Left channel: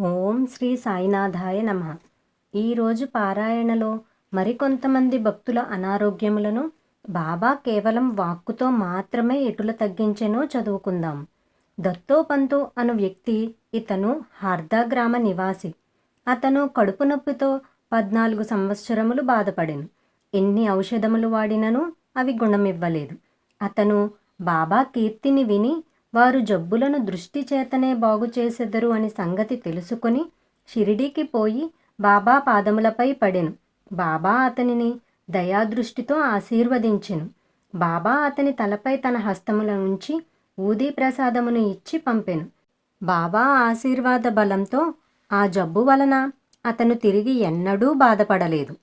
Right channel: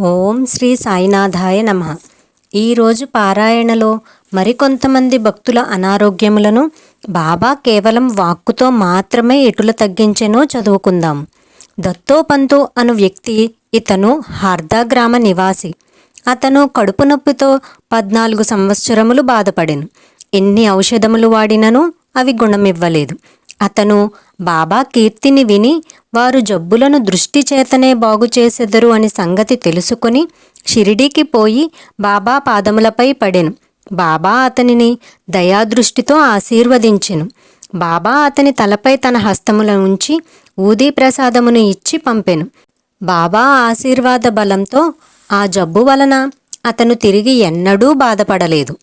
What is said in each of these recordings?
ఓం శ్రీ సాయినాథాయ నమ. ఈరోజు పారాయణలో మరికొంతమంది భక్తుల అనారోగ్యములను బాబా కేవలం వాక్కుతో మాత్రమే ఎటుల తగ్గించెనో చదువుకుందాం. దత్తోపంతు అను వ్యక్తి ఇతను హార్దా గ్రామ నివాసి. అతను కడుపు నొప్పితో పద్నాలుగు సంవత్సరములు బాధపడెను. ఎన్ని ఔషధములు వాడినను అవి గుణమివ్వలేదు. అతను బాబా కీర్తిని విని వారు జబ్బులను దృష్టి చేతనే బాగు చేసెదరు అని సంగతి తెలుసుకొని షిరిడీకి పోయి బాబా పాదములపై పడెను. బాబా అతనిని దయాదృష్టితో ఆశీర్వదించెను. బాబా అతని తలపై తన హస్తముల ఉంచి ఊదీ ప్రసాదమును ఇచ్చి పంపెను. బాబా ఆశీర్వాద బలంతో ఆ జబ్బు వలన అతను తిరిగి ఎన్నడూ బాధపడలేదు.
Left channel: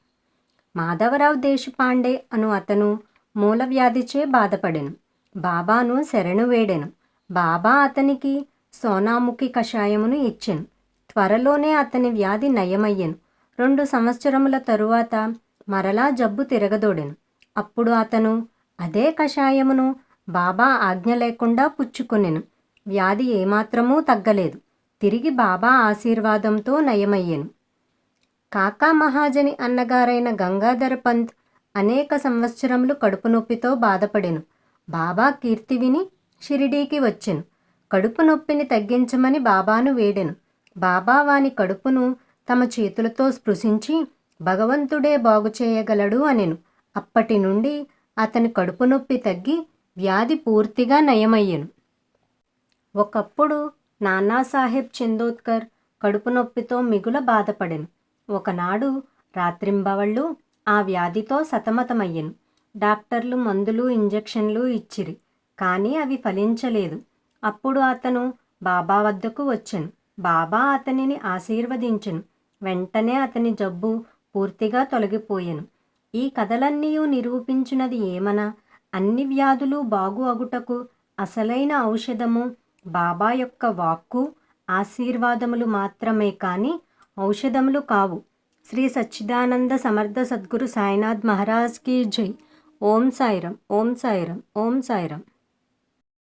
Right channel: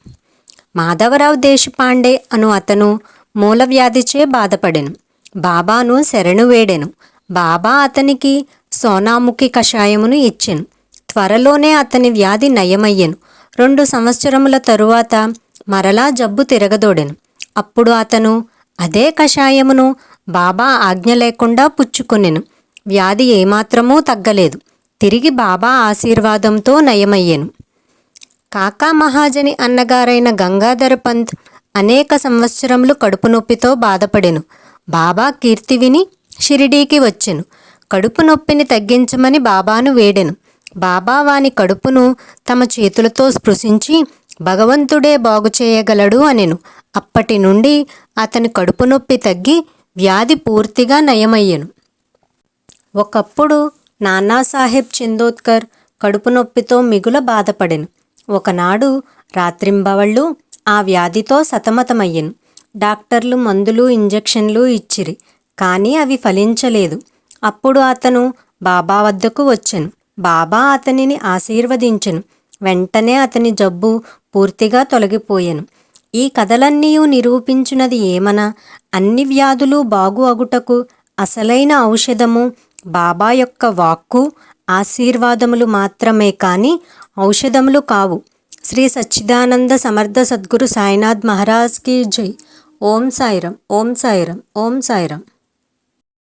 మాధవరావు దేశపాండే అను అతను మూలవ్యాధిచే బాధపడెను. బాబాను శరణు వేడెను. బాబా అతనికి సోనాముఖి కషాయమును ఇచ్చెను. త్వరలోనే అతని వ్యాధి నయమయ్యెను. రెండు సంవత్సరముల తరువాత మరలా జబ్బు తిరగదోడెను. అప్పుడు అతను అదే కషాయమును బాబా ఆజ్ఞ లేకుండా పుచ్చుకొనెను. వ్యాధి ఏమాత్రమూ తగ్గలేదు. తిరిగి బాబా ఆశీర్వాదంతో నయమయ్యెను. కాకా మహాజని అన్నగారైన గంగాధర పంత్ అనేక సంవత్సరములు కడుపు నొప్పితో బాధపడెను. బాబా కీర్తి విని షిరిడీకి వచ్చెను. కడుపు నొప్పిని తగ్గించమని బాబాను వేడెను. బాబా వాని కడుపును తమ చేతులతో స్పృశించి భగవంతుడే బాగు చేయగలడు అనెను. అప్పటి నుండి అతని కడుపు నొప్పి తగ్గి వ్యాధి పూర్తిగా నయమయ్యెను. ఒకప్పుడు నానాసాహెబ్ చందోద్కర్ కడుపు నొప్పితో మిగుల బాధపడెను. ఒకనాడు రాత్రింబవళ్ళు ఆ వ్యాధితో సతమతమయ్యెను. డాక్టర్లు మందులు ఇంజెక్షన్లు ఇచ్చిరి కానీ అవి ఫలించలేదు. అప్పుడు అతను బాబా వద్దకు వచ్చెను. బాబా అతనిని ఆశీర్వదించెను. వెంటనే అతని జబ్బు పూర్తిగా తొలగిపోయాను. ఈ కథలన్నీ నిరూపించినది ఏమన? అన్ని వ్యాధులు బాగు అగుటకు అసలైన ఔషధము బాబా యొక్క వాక్కు ఆశీర్వాదములు మాత్రమే కానీ ఔషధములు కావు. శ్రీ సచ్చిదానంద సమర్థ సద్గురు సాయినాథ్ మహారాజ్కి జై. ఓం సాయిరం ఓం సాయిరం ఓం సాయిరం